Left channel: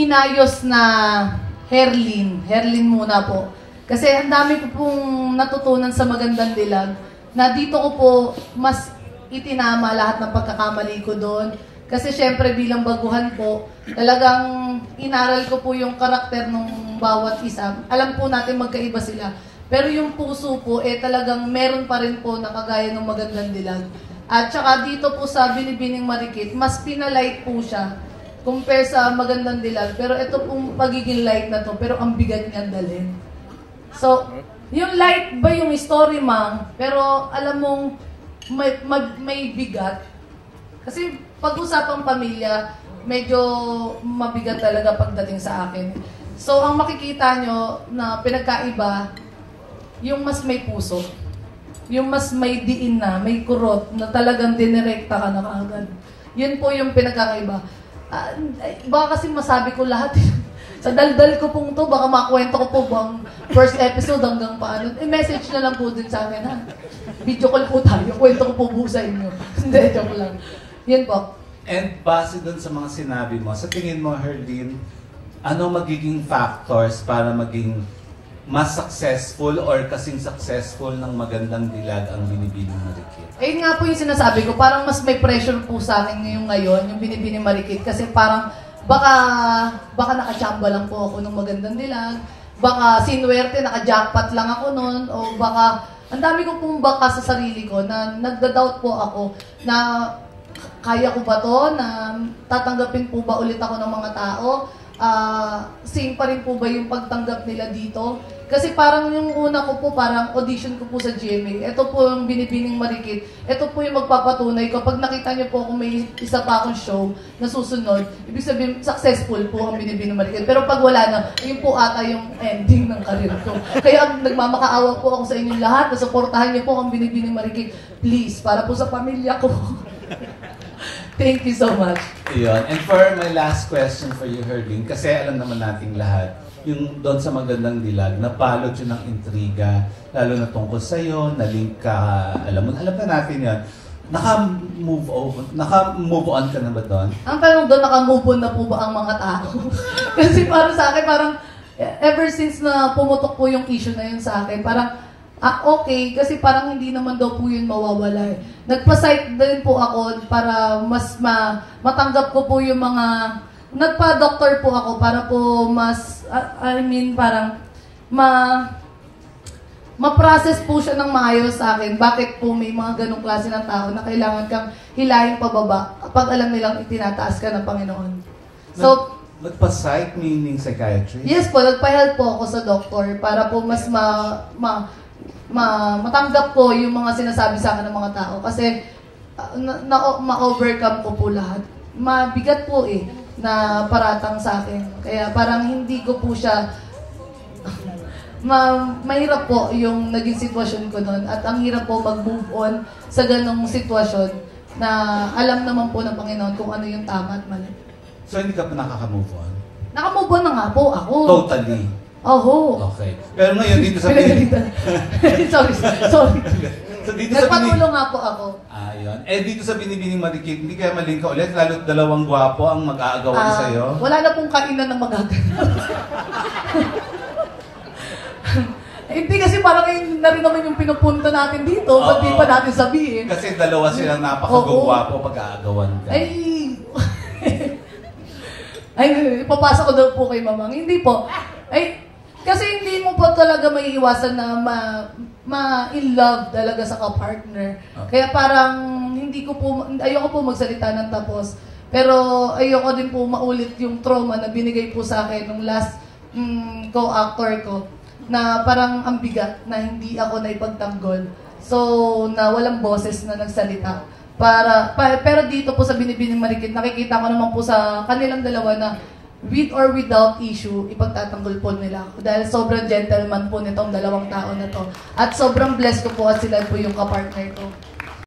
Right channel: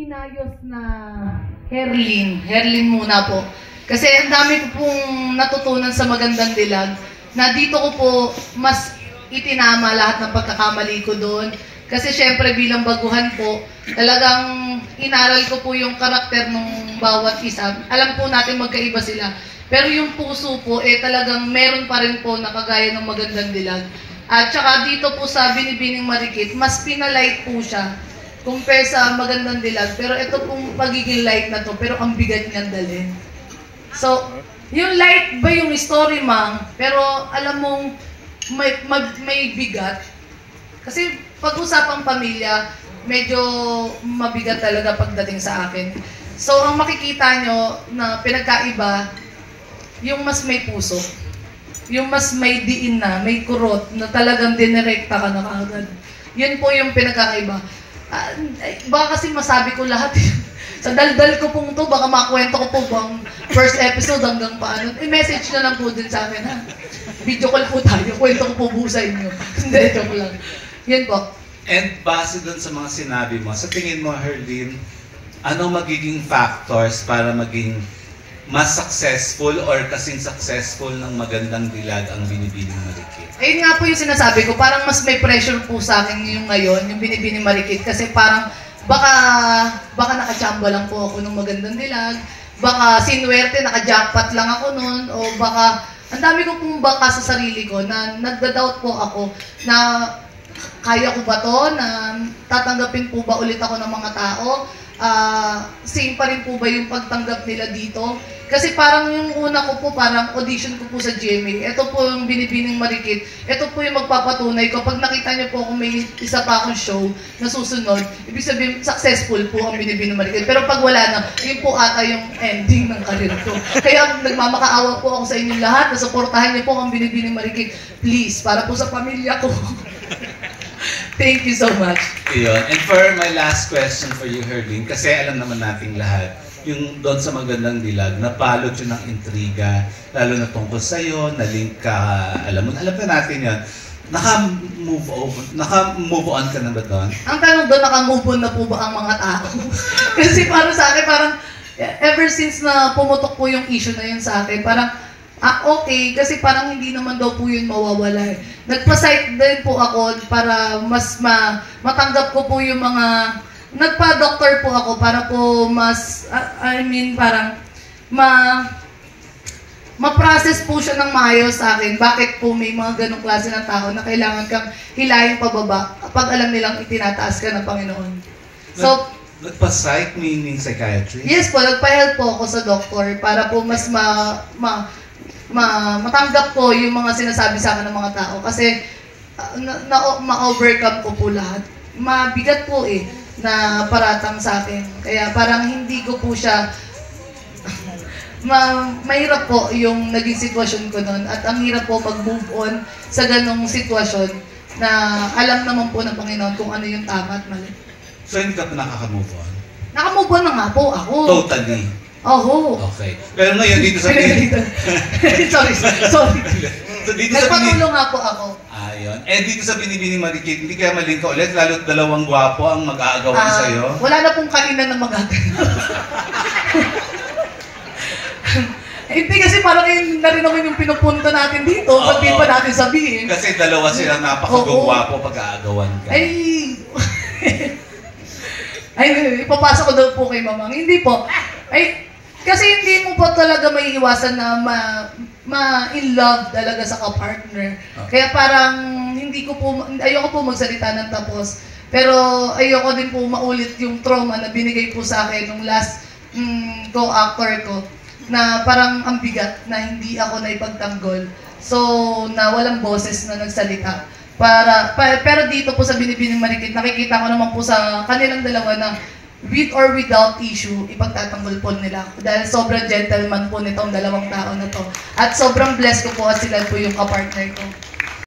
inayos na Herlin. Herlin muna po. Kasi ang dami ko pong natutunan sa Magandang Dilag na dito ko po mas itinama lahat ng pagkakamali ko doon. Kasi syempre bilang baguhan po, talagang inaral ko po yung karakter ng bawat isa. Alam po natin magkaiba sila. Pero yung puso po, talagang meron pa rin po na kagaya ng Magandang Dilag. At saka dito po sa Binibining Marikit, mas pinalight po siya compare sa Magandang Dilag. Pero ito pong pagiging light na to, pero ang bigat niyang dalhin. So, yung light ba yung story, ma'am? Pero alam mong may bigat. Kasi pag-usapang pamilya, medyo mabigat talaga pagdating sa akin. So, ang makikita nyo na pinagkaiba, yung mas may puso. Yung mas may diin na, may kurot, na talagang dinirekta ka na kaagad. Yun po yung pinagkaiba. Baka kasi masabi ko lahat. Sa daldal ko pong to, baka makwento ko po bang first episode hanggang paano. I-message na lang po din sa akin, ha? Video call po tayo, kwento ko po buo sa inyo. Hindi, joke lang. Yun po. And base dun sa mga sinabi mo, sa tingin mo, Herlin, ano magiging factors para maging mas successful or kasing successful ng Magandang Dilag ang Binibining Marikit? Ayun nga po yung sinasabi ko, parang mas may pressure po sa akin yung ngayon, yung Binibining Marikit, kasi parang baka nakachamba lang po ako ng Magandang Dilag, baka sinwerte, nakajackpot lang ako noon, o baka, ang dami ko pong baka sa sarili ko na nagda-doubt po ako na kaya ko ba to, na tatanggapin po ba ulit ako ng mga tao, same pa rin po ba yung pagtanggap nila dito? Kasi parang yung una ko po, parang audition ko po sa GMA. Ito po yung Binibining Marikit. Ito po yung magpapatunay ko. Pag nakita niyo po kung may isa pa akong show na susunod, ibig sabihin, successful po ang Binibining Marikit. Pero pag wala na, yun po ata yung ending ng karir ko. Kaya nagmamakaawa po ako sa inyong lahat na supportahan niyo po ang Binibining Marikit. Please, para po sa pamilya ko. Thank you so much. Iyon. And for my last question for you, Herlin, kasi alam naman nating lahat, yung doon sa Magandang Dilag, napalot yun ng intriga, lalo na tungkol sa'yo, na-link ka, alam na natin yan. Naka-move on ka na ba doon? Ang tanong doon, naka-move on na po ba ang mga tao? Kasi parang sa akin, parang ever since na pumutok po yung issue na yun sa akin, parang okay, kasi parang hindi naman daw po yun mawawala. Nagpa-site din po ako para mas matanggap ko po yung mga... Nagpa-doctor po ako para po mas, parang ma-process po siya ng maayos sa akin. Bakit po may mga ganong klase ng tao na kailangan kang hilahin pababa kapag alam nilang itinataas ka ng Panginoon. So, nagpa-psych meaning psychiatry? Yes po, nagpa-help po ako sa doctor para po mas matanggap ko yung mga sinasabi sa akin ng mga tao. Kasi ma-overcome ko po lahat. Mabigat po na paratang sa akin. Kaya parang hindi ko po siya mahirap po yung naging sitwasyon ko noon. At ang hirap po mag-move on sa ganong sitwasyon na alam naman po ng Panginoon kung ano yung tama at mali. So hindi ka pa nakaka-move on? Naka-move on na nga po ako. Totally? Oo. Okay. Pero ngayon dito sa sorry. So dito sa nagpatulong nga po ako. Ayun. Dito sa Binibining Marikit, hindi kaya maling ka ulit, lalo't dalawang gwapo ang mag-aagawan sa'yo? Wala na pong kainan na magagawa. Hindi kasi parang na rin naman yung pinupunta natin dito, pag di pa natin sabihin. Kasi dalawa silang napakagwapo pag-aagawan ka. Ipapasa ko daw po kay Mamang. Hindi po. Kasi hindi mo po talaga may iwasan na ma-in love talaga sa ka-partner. Kaya parang ayoko po magsalita ng tapos. Pero ayoko din po maulit yung trauma na binigay po sa akin ng last co-actor ko. Na parang ang bigat na hindi ako naipagtanggol. So, na walang boses na nagsalita. Pero dito po sa Binibining Marikit, nakikita ko naman po sa kanilang dalawa na with or without issue, ipagtatanggol po nila ako. Dahil sobrang gentleman po nitong dalawang tao na to. At sobrang blessed ko po at sila po yung kapartner ko.